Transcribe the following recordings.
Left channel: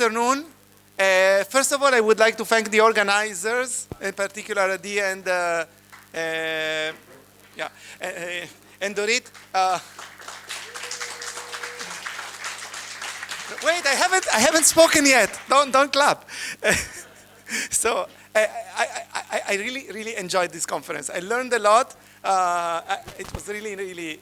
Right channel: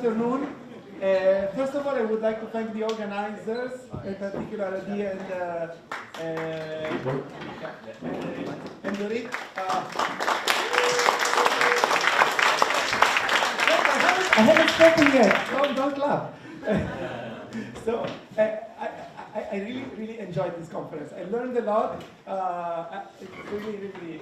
afternoon. First of all, I would like to thank the organizers, in particular Adi and Dorit. Wait, I haven't spoken yet. Don't clap. So I really enjoyed this conference. I learned a lot. It was really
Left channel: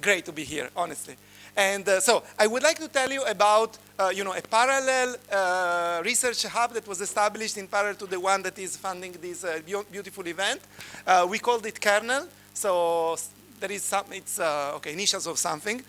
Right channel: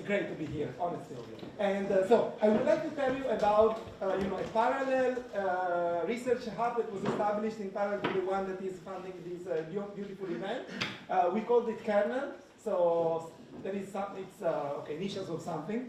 great to be here, honestly. And so I would like to tell you about a parallel research hub that was established in parallel to the one that is funding this beautiful event. We called it QERNEL. So there is initials of something.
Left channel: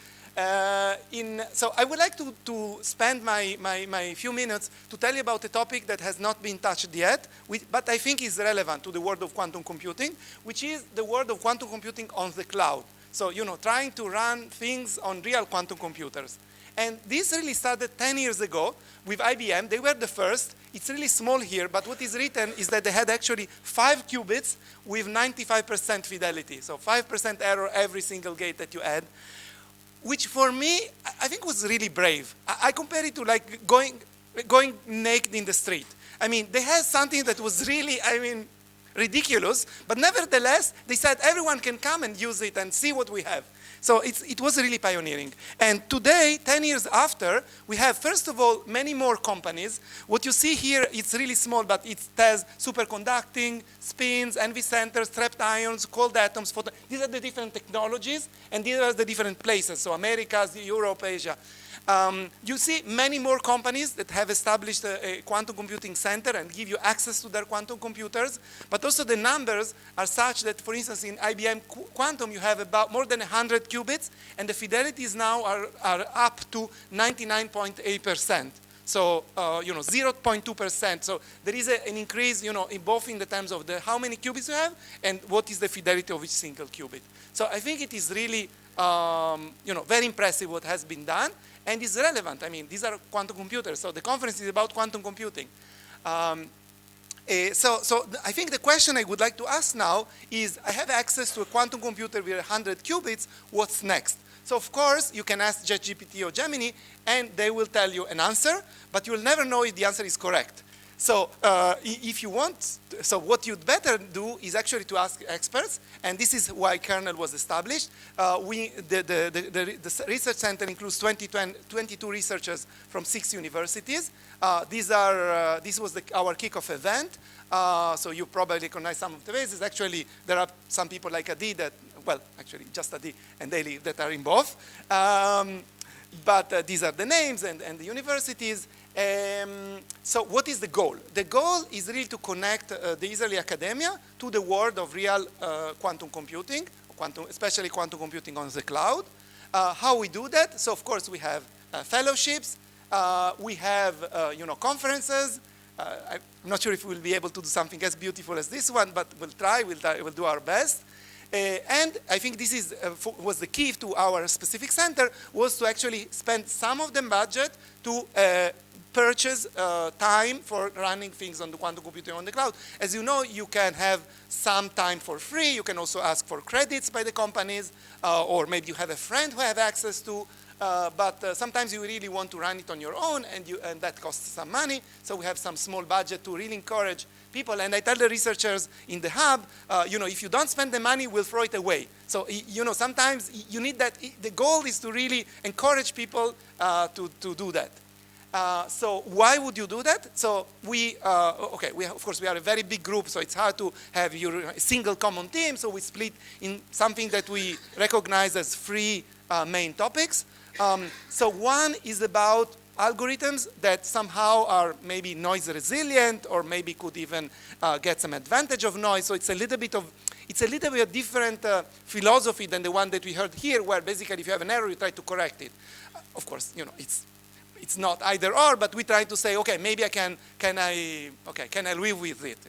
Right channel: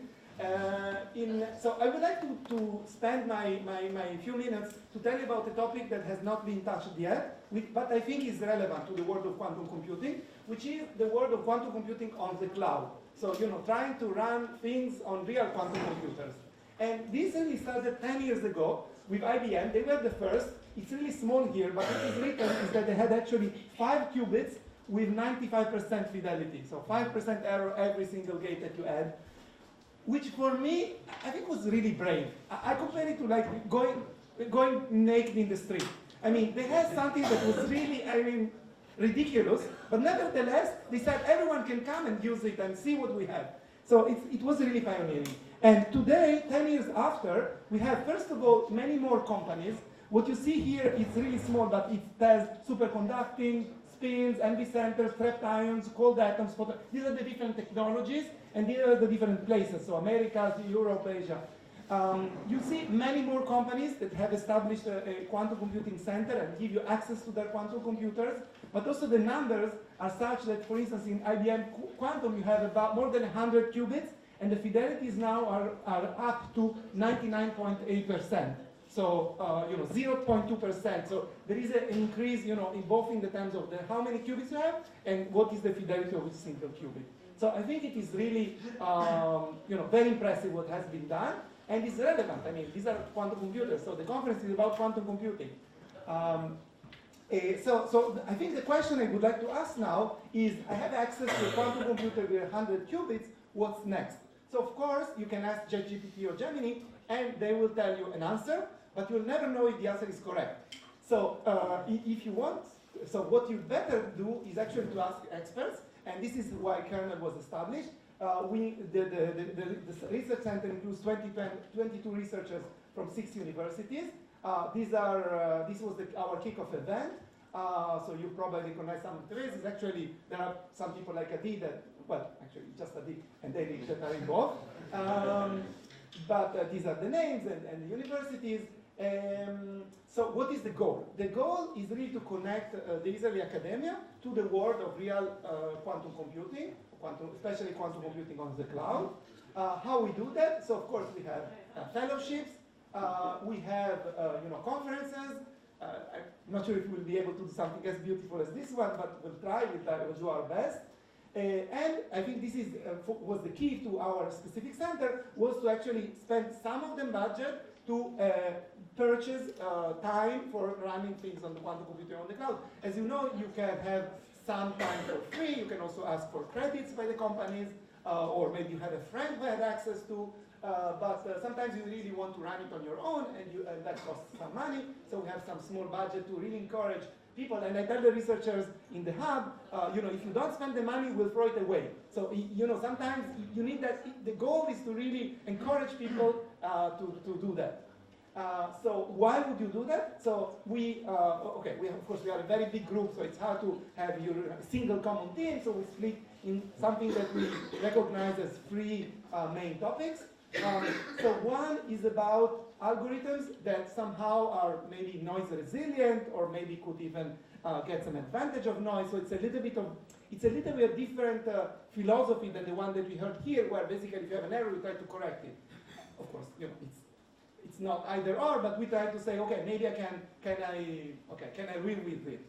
So I would like to spend my few minutes to tell you about a topic that has not been touched yet, but I think is relevant to the world of quantum computing, which is the world of quantum computing on the cloud. So, trying to run things on real quantum computers. And this really started 10 years ago with IBM. They were the first. It's really small here, but what is written is that they had actually 5 qubits with 95% fidelity. So 5% error every single gate that you add, which for me, I think was really brave. I compare it to like going naked in the street. I mean, they had something that was really, ridiculous, but nevertheless, they said everyone can come and use it and see what we have. So it was really pioneering. And today, 10 years after, we have, first of all, many more companies. What you see here, it's really small, but it has superconducting, spins, NV centers, trapped ions, cold atoms. These are the different technologies, and these are the different places, so Americas, Europe, Asia. You see many more companies that have established a quantum computing center and give you access to their quantum computers, but also the numbers are such that, for instance, in IBM Quantum, you have about more than 100 qubits, and the fidelities now are up to 99.8%. So, 0.2%. So there is an increase, both in the terms of how many qubits you have and what is the fidelity of each single qubit. So I think it is really, very impressive what has been done. And it's relevant. I mean, these are quantum computers. So the conference is about quantum computing. So I think the question I would like to ask now is, I have access to a quantum computer with 100 qubits. What's next? So of course, you can ask ChatGPT or Gemini, and they will tell you an answer, but you will never know if the answer is correct. So if you want, so what you'd better do is actually to ask experts, and this is why QERNEL was established. The research center includes 22 researchers from 6 universities. This was our kickoff event. So you probably recognize some of the faces. Actually, there are some people like Adi actually just Adi and Daly that are in both. But these are the names and the universities. So what is the goal? The goal is really to connect the Israeli academia to the world of real quantum computing, especially quantum computing on the cloud. How we do that? So of course we have fellowships, we have conferences. I'm not sure if we'll be able to do something as beautiful as this one, but we'll try, we'll do our best. And I think this was the key to our specific center, was to actually spend some of the budget to purchase time for running things on the quantum computing on the cloud. As you know, you can have some time for free. You can also ask for credits by the companies, or maybe you have a friend who have access to. But sometimes you really want to run it on your own, and that costs some money. So we have some small budget to really encourage people. And I tell the researchers in the hub, if you don't spend the money, we'll throw it away. So, sometimes you need that. The goal is to really encourage people to do that. So why would you do that? So of course we are a very big group, so it's hard to have a single common theme. So we split in something that we recognize as 3 main topics. So one is about algorithms that somehow are maybe noise resilient, or maybe could even get some advantage of noise. So it's a little bit different philosophy than the one that we heard here, where basically if you have an error, you try to correct it. Of course, it's not either or, but we try to say, okay, maybe can I live with it?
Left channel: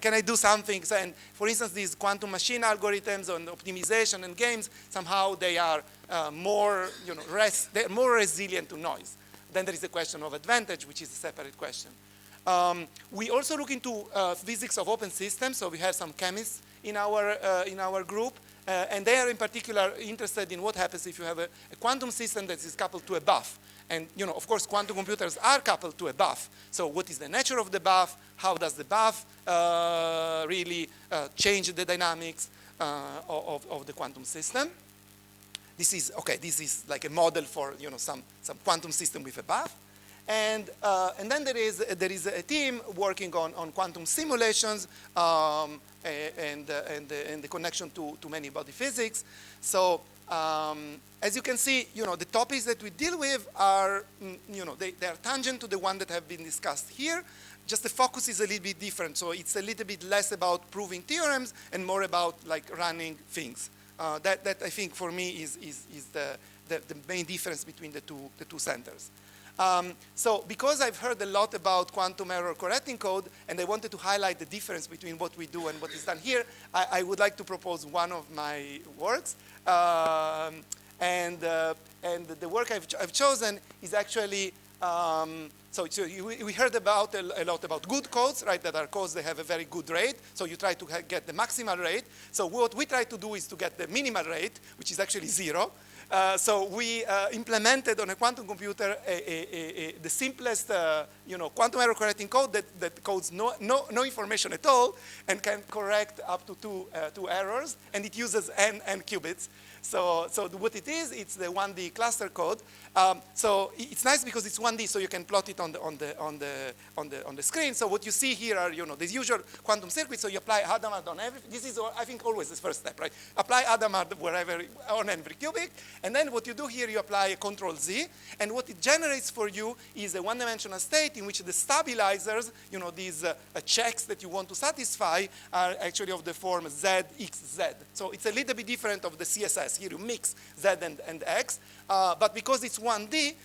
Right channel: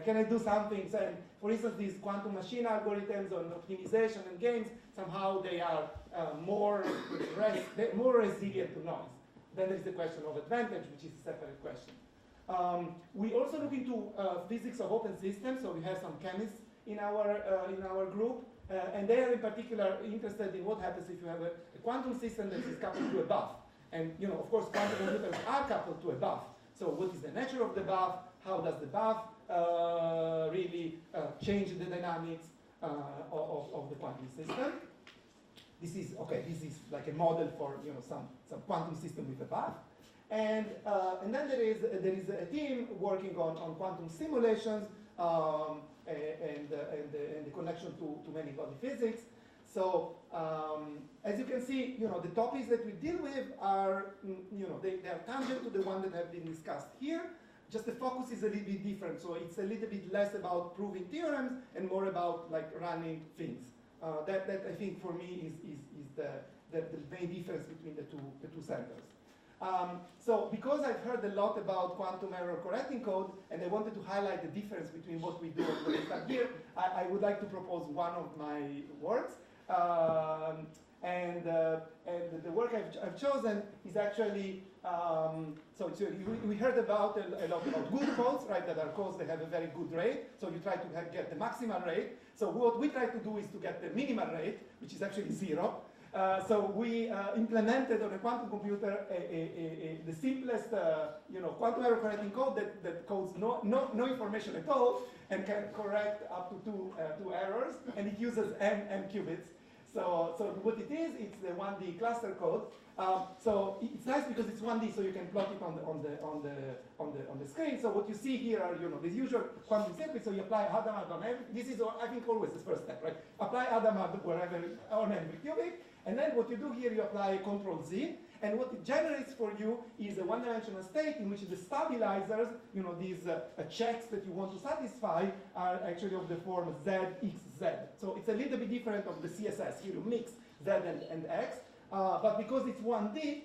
Can I do something? So, and for instance, these quantum machine algorithms on optimization and games, somehow they are they're more resilient to noise. Then there is a question of advantage, which is a separate question. We also look into physics of open systems. So we have some chemists in our group, and they are in particular interested in what happens if you have a quantum system that is coupled to a buff. And of course, quantum computers are coupled to a buff. So what is the nature of the buff? How does the buff really change the dynamics of the quantum system? This is like a model for some quantum system with a buff. And then there is a team working on quantum simulations and the connection to many-body physics. So as you can see, the topics that we deal with are, they are tangent to the one that have been discussed here. Just the focus is a little bit different. So it's a little bit less about proving theorems and more about like running things. That I think for me is the main difference between the two centers. So because I've heard a lot about quantum error correcting code, and I wanted to highlight the difference between what we do and what is done here, I would like to propose one of my works. And the work I've chosen is actually, so we heard about a lot about good codes, right, that are codes that have a very good rate. So you try to get the maximal rate. So what we try to do is to get the minimal rate, which is actually 0. So we implemented on a quantum computer the simplest quantum error correcting code that codes no information at all and can correct up to two errors, and it uses n qubits. So what it is, it's the 1D cluster code. So it's nice because it's 1D, so you can plot it on the screen. So what you see here are the usual quantum circuits. So you apply Hadamard on every. This is I think always the first step, right? Apply Hadamard wherever on every cubic, and then what you do here, you apply a control Z, and what it generates for you is a one-dimensional state in which the stabilizers, these checks that you want to satisfy, are actually of the form Z, X, Z. So it's a little bit different of the CSS. Here you mix Z and X, but because it's 1D,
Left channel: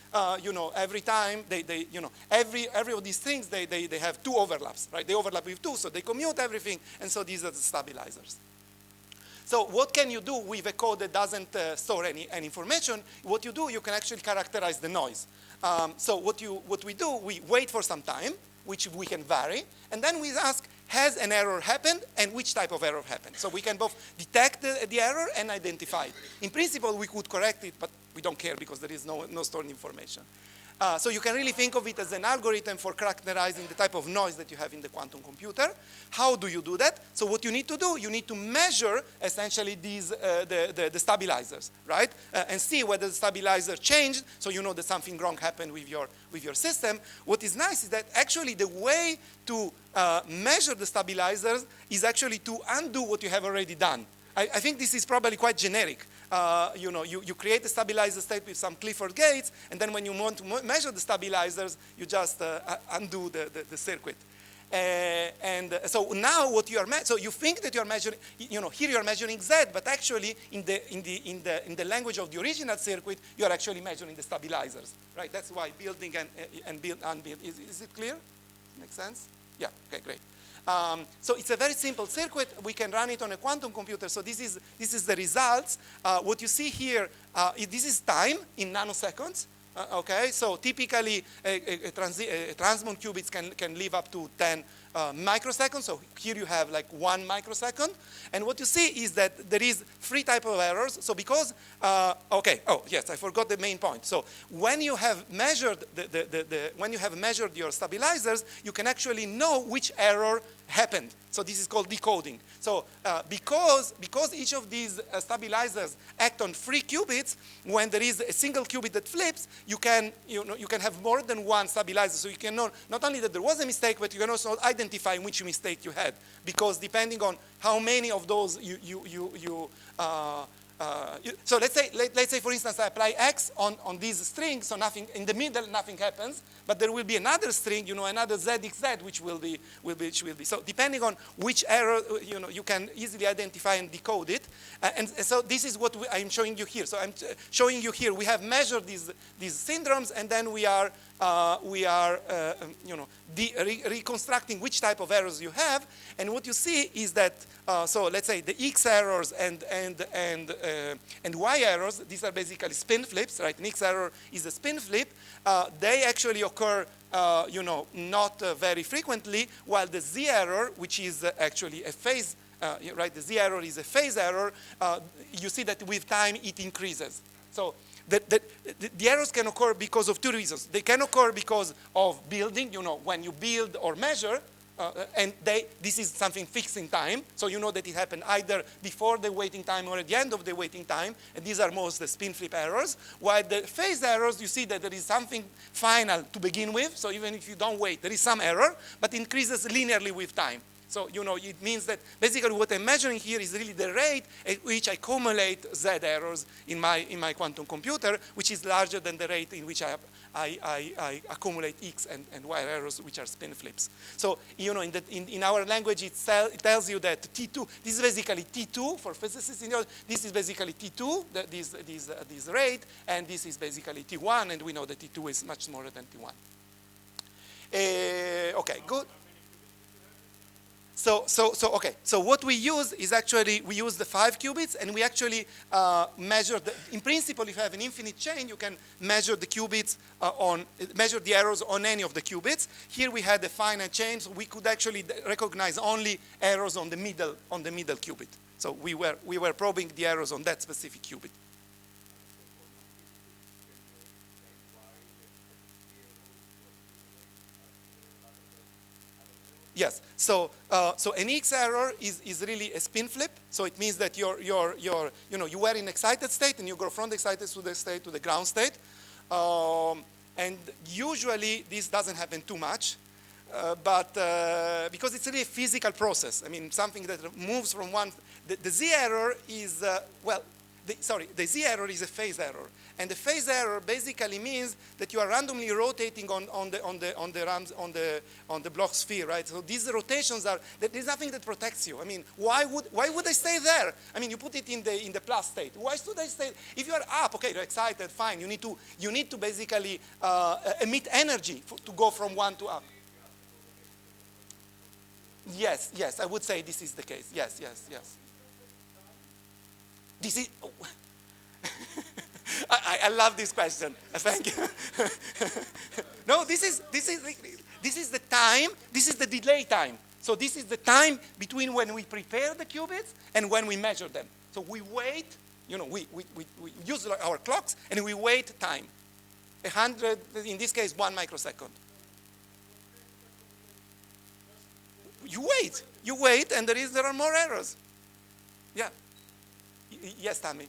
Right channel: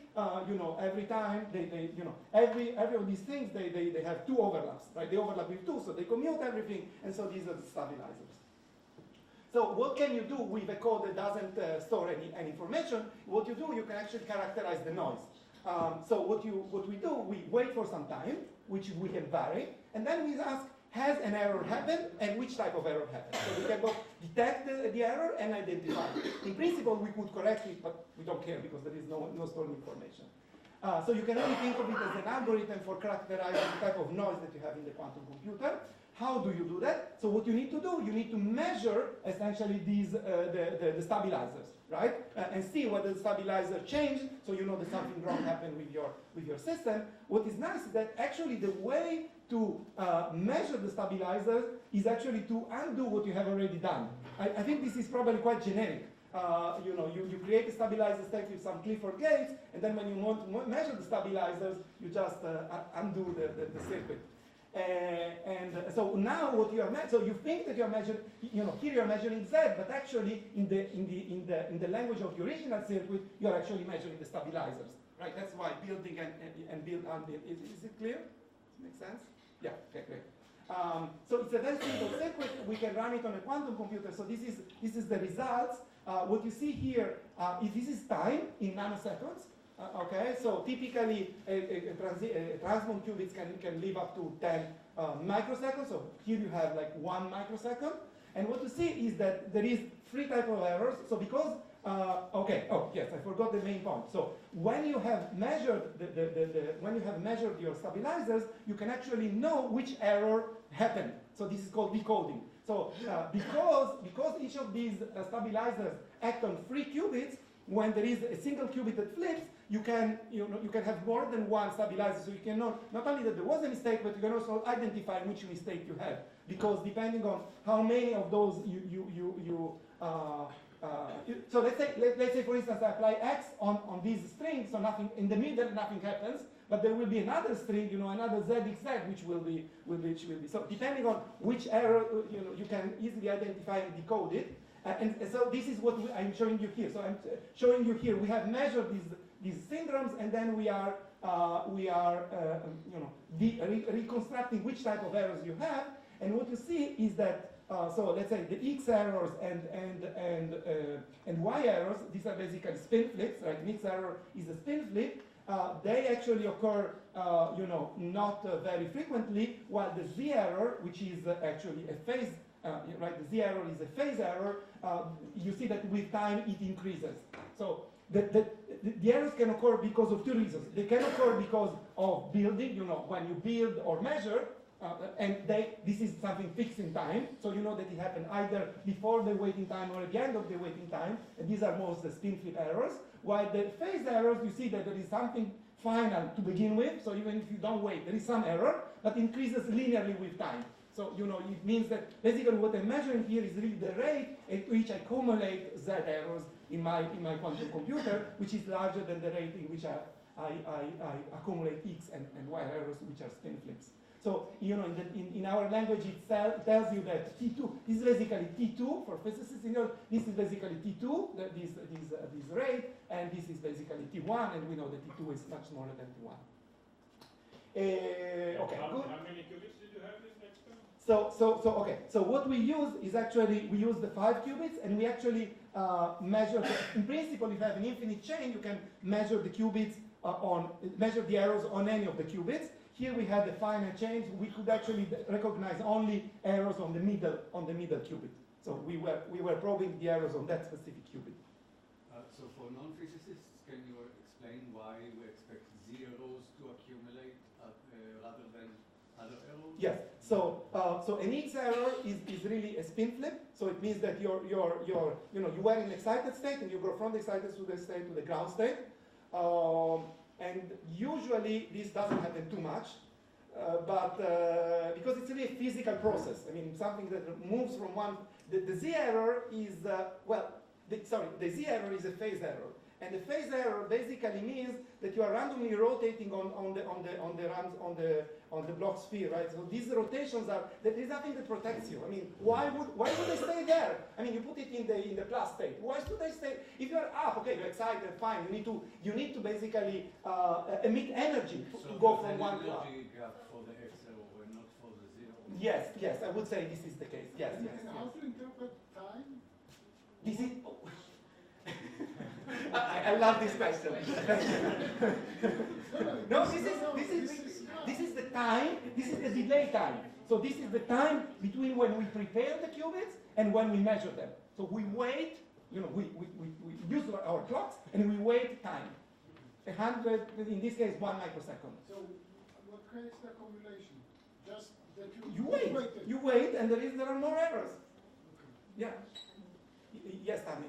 every time every of these things they have two overlaps, right? They overlap with two, so they commute everything, and so these are the stabilizers. So what can you do with a code that doesn't store any information? What you do, you can actually characterize the noise. So what we do, we wait for some time, which we can vary, and then we ask, has an error happened, and which type of error happened? So we can both detect the error and identify it. In principle, we could correct it, but we don't care because there is no stored information. So you can really think of it as an algorithm for characterizing the type of noise that you have in the quantum computer. How do you do that? So what you need to do, you need to measure essentially these the stabilizers, right? And see whether the stabilizer changed, so you know that something wrong happened with your system. What is nice is that actually the way to measure the stabilizers is actually to undo what you have already done. I think this is probably quite generic. You create a stabilizer state with some Clifford gates, and then when you want to measure the stabilizers, you just undo the circuit. And so now what you are so you think that you are measuring, here you are measuring Z, but actually in the language of the original circuit, you are actually measuring the stabilizers, right? That's why building and build unbuild. Is it clear? Makes sense? Yeah. Okay. Great. So it's a very simple circuit. We can run it on a quantum computer. So this is the results. What you see here, this is time in nanoseconds. Okay, so typically a transmon qubits can live up to 10 microseconds. So here you have like 1 microsecond. And what you see is that there is 3 types of errors. So because, yes, I forgot the main point. So when you have measured when you have measured your stabilizers, you can actually know which error happened. So this is called decoding. So because each of these stabilizers act on 3 qubits, when there is a single qubit that flips, you can have more than 1 stabilizer. So you can know not only that there was a mistake, but you can also identify which mistake you had. Because depending on how many of those so let's say for instance I apply X on these strings, so nothing in the middle, nothing happens, but there will be another string, another ZXZ, which will be. So depending on which error, you can easily identify and decode it. And so this is what I'm showing you here. So I'm showing you here. We have measured these syndromes, and then we are reconstructing which type of errors you have. And what you see is that, so let's say the X errors and Y errors, these are basically spin flips, right? An X error is a spin flip. They actually occur, not very frequently, while the Z error, which is actually a phase right? The z error is a phase error. You see that with time it increases. So the errors can occur because of two reasons. They can occur because of building, when you build or measure, and this is something fixed in time, so you know that it happened either before the waiting time or at the end of the waiting time, and these are most the spin flip errors. While the phase errors, you see that there is something final to begin with, so even if you don't wait, there is some error, but increases linearly with time. So, it means that basically what I'm measuring here is really the rate at which I accumulate Z errors in my quantum computer, which is larger than the rate in which I accumulate X and Y errors, which are spin flips. So, in our language, it tells you that T2, this is basically T2 for physicists. This is basically T2, this rate, and this is basically T1, and we know that T2 is much smaller than T1. Okay, good. So what we use is actually, we use the 5 qubits, and we actually measure, in principle, if you have an infinite chain, you can measure the qubits measure the errors on any of the qubits. Here we had a finite chain, so we could actually recognize only errors on the middle qubit. So we were probing the errors on that specific qubit. So for non-physicists, can you explain why you expect zeros to accumulate rather than other errors? Yes. So an X error is really a spin flip. So it means that you were in excited state and you go from the excited state to the ground state. And usually this doesn't happen too much, but because it's really a physical process. I mean, something that moves from one. The Z error is the Z error is a phase error. And the phase error basically means that you are randomly rotating on the block sphere, right? So these rotations there's nothing that protects you. I mean, why would I stay there? I mean, you put it in the plus state. Why should I stay? If you are up, okay, you're excited, fine. You need to basically emit energy to go from one to up. Yes, I would say this is the case. Yes. This is. I love this question. Thank you. No, this is the time. This is the delay time. So this is the time between when we prepare the qubits and when we measure them. So we wait. We use our clocks and we wait time. 100, in this case, 1 microsecond. So what creates the accumulation? Just that You wait, and there are more errors. Yeah. Yes, Tammy.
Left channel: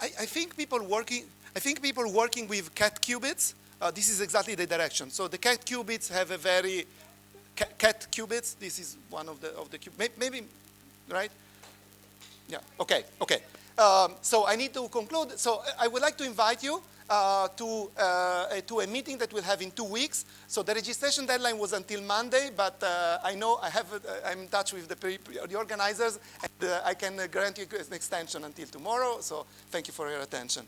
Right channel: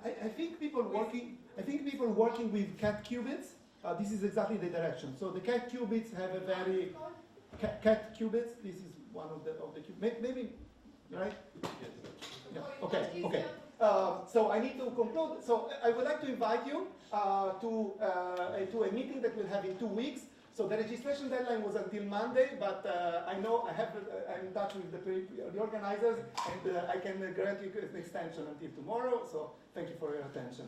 I think people working with cat qubits, this is exactly the direction. So the cat qubits have a very cat qubits. This is one of the qubits. Maybe, right? Yeah. Okay. So I need to conclude. So I would like to invite you to a meeting that we'll have in 2 weeks. So the registration deadline was until Monday, but I know I'm in touch with the organizers, and I can grant you an extension until tomorrow. So thank you for your attention.